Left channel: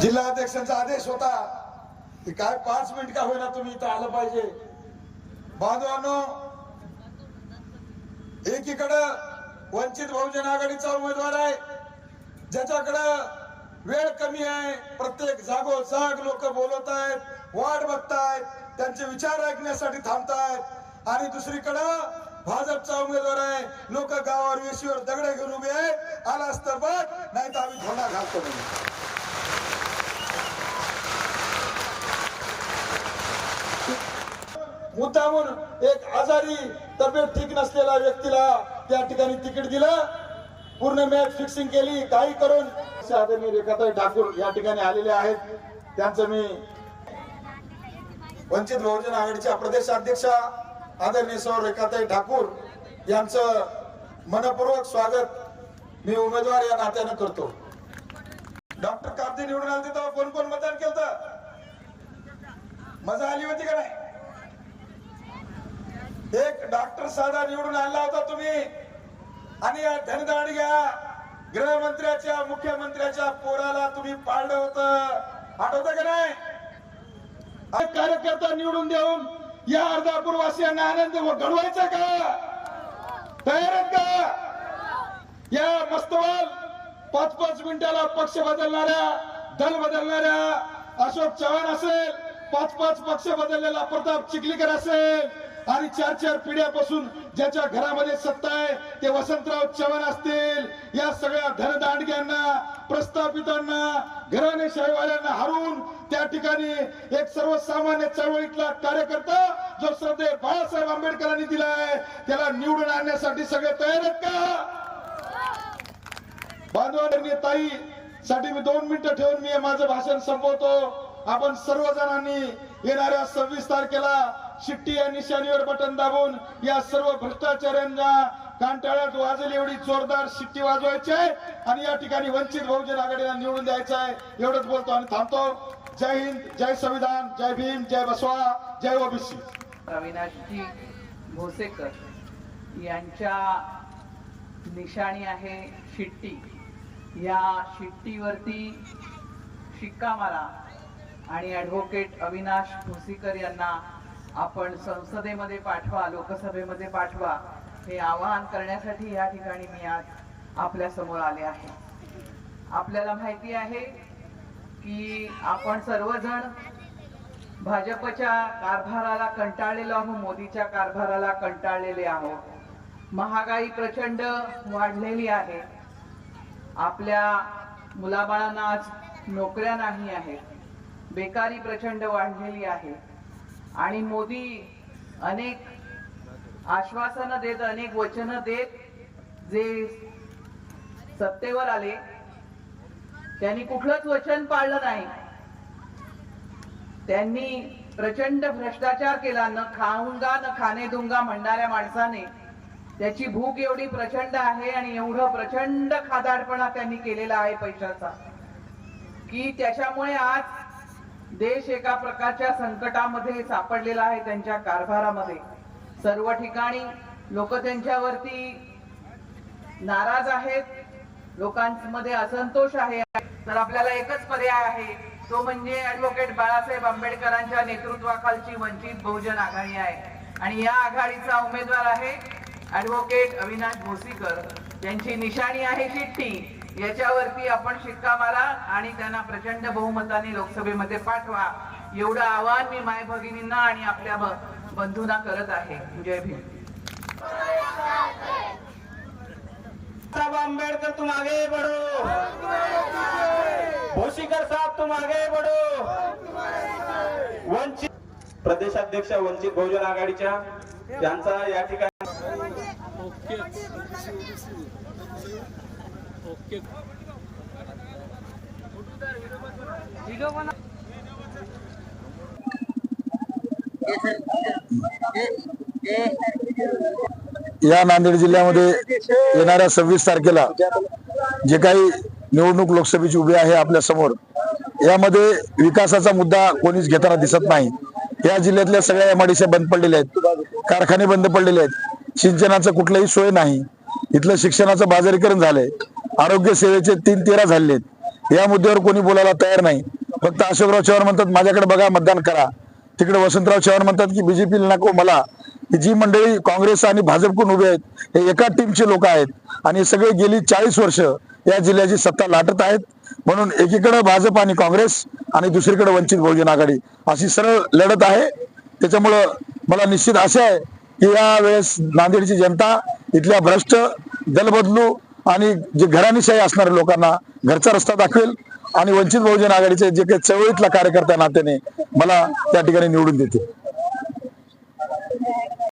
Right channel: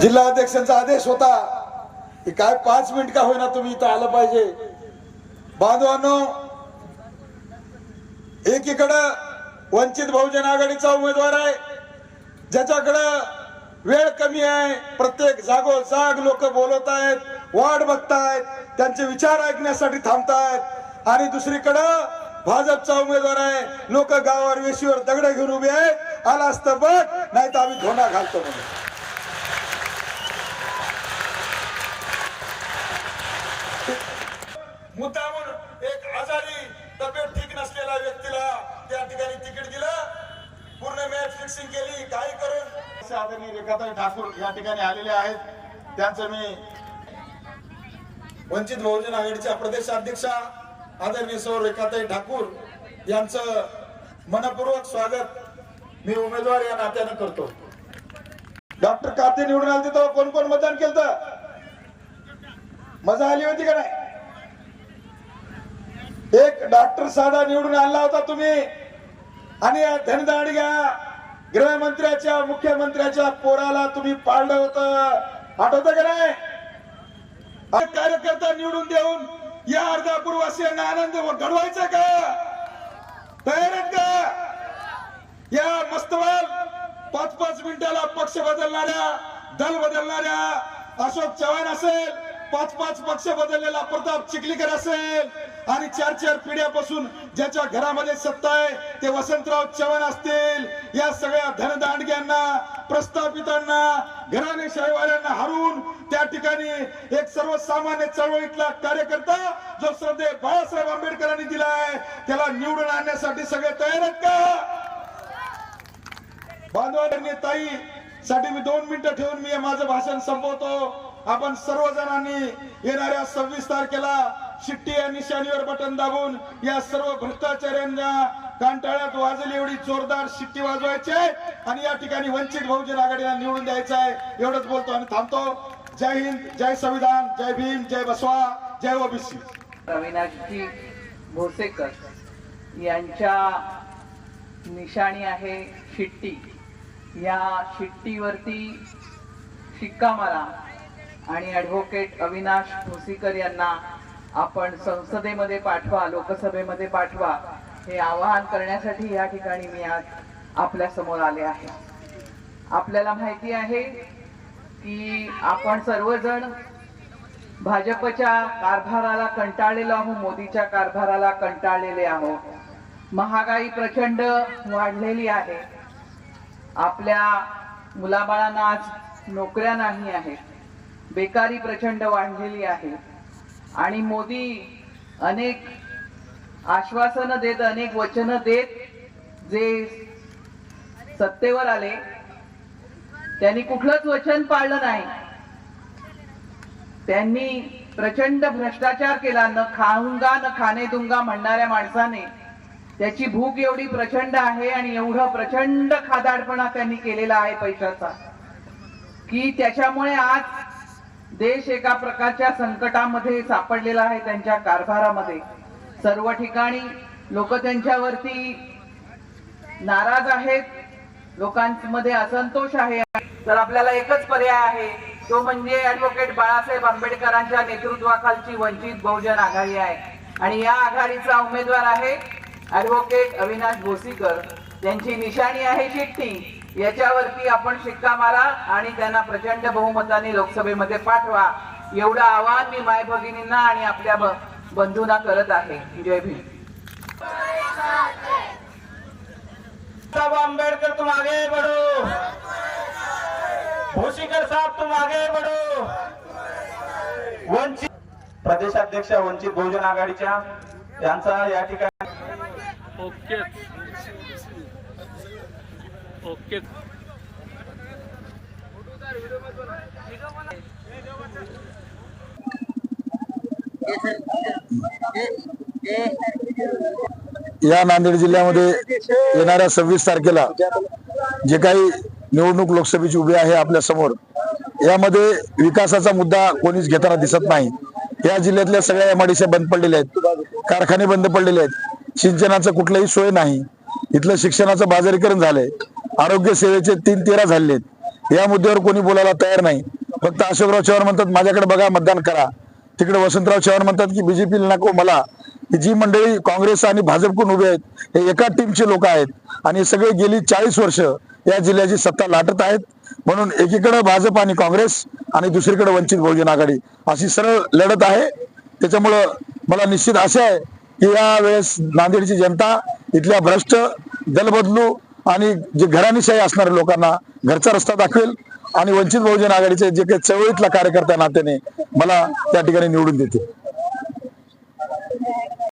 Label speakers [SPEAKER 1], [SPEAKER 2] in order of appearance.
[SPEAKER 1] जिल्हाध्यक्षांचा आदेश होता की काय पाच मिनिट का होईना तुम्ही इथं आलं पाहिजे. बांधवांनो एकीकडं वंचित बहुजन आघाडीचा उमेदवार आहे ज्याच्याकडं वेळ कमी आहे प्रत्येक जागोजाग लोक बोलत आहेत वाट बघतायत त्यांचे विचार ऐकण्यासाठी थांबतायत. आणि दुसरीकडं भाजपचा उमेदवार आहे लोक गावावर वेशीवर दगड घेऊन उभे आहेत आला असतं बघ नाही तर आम्ही धोंडा घालतो म्हणून. मुद्दामून एक आजारी तब्येत ठीक नसलेल्या व्यक्तीला त्या ठिकाणी तिकीट दिलं. पूर्ण मॅच फिक्सिंग केली काही करून. आदरणीय रेखाताई ठाकूर या ठिकाणी आलेले आहेत. त्यांचं मी वंचित बहुजन आघाडीच्या प्रदेश अध्यक्षा आदरणीय सौ रेखाताई ठाकूर यांचं मनपूर्वक स्वागत मी उमेदवार या नात्यानं करतो. डॉक्टर कार्ते निवडून आले तेव्हा कोण कोण मतदान केलं मजा आली होती का नाही? एक डॉक्टर साधा निवडून आणला होता तुम्ही. आणि धनदाड घ्या गृहमंत्र्याच्या मुख्यमंत्र्याच्या पोराला तुम्ही पाळलं होत. आठवत का नाही? कार्यकर्ता निवडून देऊन या अर्धापूरवासियांना आनंद घडवायचा का? तयार आहेत का? या मस्तवाल पाच पाच मिनिटाला पक्ष बदलणाऱ्या दल बदलणाऱ्या अशोक चव्हाण असेल. पाच पाच पक्ष बदललेला. प्रताप चिखलीकर असेल. आणि चार चार पिढ्यापासून ज्याच्या घरामध्ये सत्ता आहे ते वसंतराव चव्हाण असतील. या सगळ्या धनदांडग्यांना प्रस्थापितांना घराणेशाहीवाल्यांना हरवून त्या ठिकाणी एक सर्वसामान्य चळवळीतला कार्यकर्ता जो श्रद्धे बाळासाहेब आंबेडकरांनी दिलाय त्याला निवडून आणण्यासाठी सगळे तयार आहेत का? बांधवांनी ताई साठी मी दोन मिनिटं ठेवून मी माझं भाषण संपवतो. आपण सर्वजणांनी येणाऱ्या सव्वीस तारखेला शिट्टी या निशाणीवर बटन दाबून या सर्व भ्रष्टाचार्यांना कांटाळ्यात वाजेल एवढी जोरदार शिट्टी वाजवायची आहे आणि या ठिकाणी वंचित बहुजन आघाडीला निवडून द्यायचं आहे. एवढंच बोलतो आणि थांबतो. जय हिंद जय संविधान जय भीम जय बसवा जय ओबीसी.
[SPEAKER 2] अविनाशजी भोसेकर यांच्या निशाणी आहे शिट्टी. या शिट्टीवरती शिक्का मारा. आणि ॲडव्होकेट अविनाश भोसीकर यांना आपण संसदेमध्ये पाठवा लोकसभेमध्ये पाठवा हे आवाहन करण्यासाठी या ठिकाणी मी आज आपल्यासमोर आले आहे. आपल्याला माहिती आहे की आपण सर्वजण भाजपच्या कारभाराला कंटाळलेलो आहोत मोदीच्या कारभाराला कंटाळलेले आहोत. महागाई प्रचंड वाढलेली आहे. आपल्या मुलाबाळांना आज नोकऱ्या नाही आहेत. बेकारी प्रचंड वाढलेली आहे. आणि मोदी अनेक आश्वासनं देत अनेक वचनं देत जे सत्तेवर आले त्यांनी कुठलंच वचन पाळलं नाही. त्यांनी प्रचंड भ्रष्टाचार केला न खाऊंगा न खाणे दुंगा म्हणणाऱ्या माणसाने. त्याची भूक एवढी प्रचंड आहे आणि एवढं प्रचंड खादाडपणा त्यांनी केलेला आहे पैशाचा की त्याच्यामुळे आज देश एका प्रकारच्या संकटामध्ये सापडलेला आहे त्यांच्या कारभारामध्ये. सर्व ठिकाणी लोक त्यांच्यावरती नाराज आहेत. लोकांमध्ये असंतोष आहे. तर आपल्याला एकच पर्याय आहे. तो म्हणजे ऍडव्होकेट बाळासाहेब आंबेडकरांच्या नेतृत्वाखालची वंचित बहुजन आघाडी आहे. आणि या आघाडीचा उमेदवार आहे ऍडव्होकेट अविनाश भोसीकर. त्यांची निशाणी आहे चिठ्ठी याच्यावरती आपण शिक्का मारा आणि त्यांना प्रचंड बहुमताने लोकसभेमध्ये पाठवा. एवढं आवाहन मी माय भगिनींना आणि आपल्या बंधूंना करत आहे. जय भीम.
[SPEAKER 3] साहब अम्बेडकर तुम आगे बढ़ो. भूसीकर साहब तुम आगे बढ़ो. वंचित प्रदेशाध्यक्ष वंचित बहुजन आघाडीच्या यांचा या ठिकाणी
[SPEAKER 4] ओके.
[SPEAKER 5] या नांदेड जिल्ह्यामध्ये येणाऱ्या सव्वीस तारखेला जे काही निवडणूक लोकसभेची उभी आहे आपल्यासमोर यामध्ये विकासाचा मुद्दा कोणीच घेताना दिसत नाही. या जिल्ह्यातल्या सगळ्या एमआडीसी बंद पडलेल्या आहेत कारखाने बंद पडलेले आहेत सिंचनाचं कुठलंही सोय नाही. इथलं शिक्षणाचं बाजारीकरण झालंय. आरोग्य सेवेचे तीन तेरा झालेत
[SPEAKER 1] या मुद्द्यावर कोणी बोलायला तयार नाही. फक्त अशोकराव चव्हाण म्हणतात माझ्याकडे बघा मतदान करा. तिकडे वसंतराव चव्हाण म्हणतात की बीजेपीला नको मला. जी मंडळी काँग्रेस आणि भाजपकडून उभे आहेत हे एका टीमचे लोक आहेत. आणि सगळे गेली चाळीस वर्ष या जिल्ह्याची सत्ता लाटत आहेत. म्हणून एकीकडे भाजप आणि काँग्रेस आणि दुसरीकडे वंचित बहुजन आघाडी अशी सरळ लढत आहे. त्याच्यामुळं मला निश्चित आशा आहे की या वेळेस नांदेडची जनता इथल्या भ्रष्ट दलबदलू आणि जे घराणीशाही असणाऱ्या लोकांना घरचा रस्ता दाखवेल आणि वंचित बहुजन आघाडीचे जे काही चळवळीतला कार्यकर्त्या नात्याने मला त्या ठिकाणी निवडून देतील.